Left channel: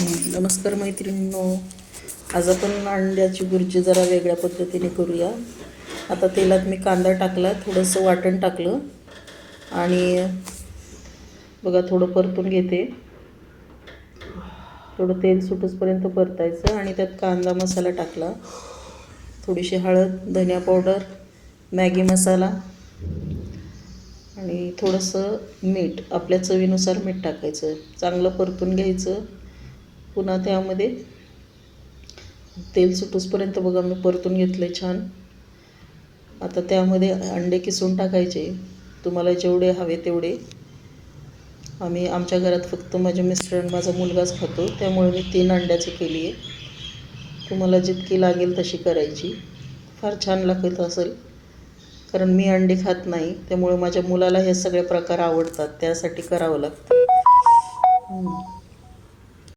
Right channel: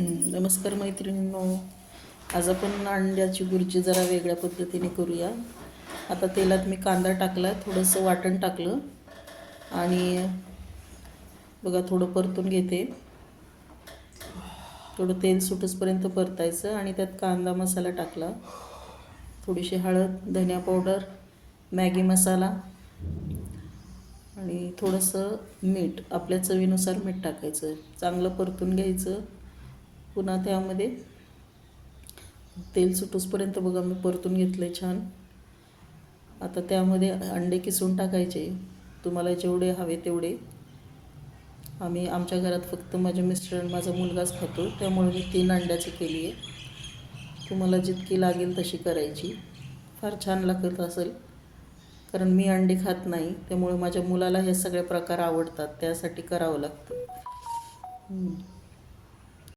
नमस्कार मैत्रिणींनो. आज आपण अंड्याची भुर्जी जरा वेगळ्या पद्धतीने करूया. आता तेलात मी कांदा टाकला, थोडंसं वाटण टाकलं आणि बघा थोडं परतून घेते. थोडं तेल सुटूसपर्यंत परतायचं आणि त्यात कांदा मसाला टाकला, थोडीशी हळद, धनिया पावडर, मॅगी मसाला आणि थोडंसं मीठ, आपल्या चवीनुसार मीठ टाकायचं. चांगलं परतून घ्यायचं. पुन्हा त्यामध्ये तेल सुटूसपर्यंत बघा मी परतून घेतलं आहे छान. आता त्यामध्ये अंडे किसून टाकायचे, तुम्हाला जेवढे हवे तेवढे. आमच्या घरात फक्त माझे मिस्टर आणि माझा मुलगाच खातो, त्यामुळे मी 3 अंड्याची केली आहे. तुम्हाला जितकी लागेल तशी करायची. फार छान लागत असेल, कारण मी अंडे खात नाही, त्यामुळे माझ्या मुलाला हे सगळे प्रकार आवडतात, त्यासाठी करावं लागतं.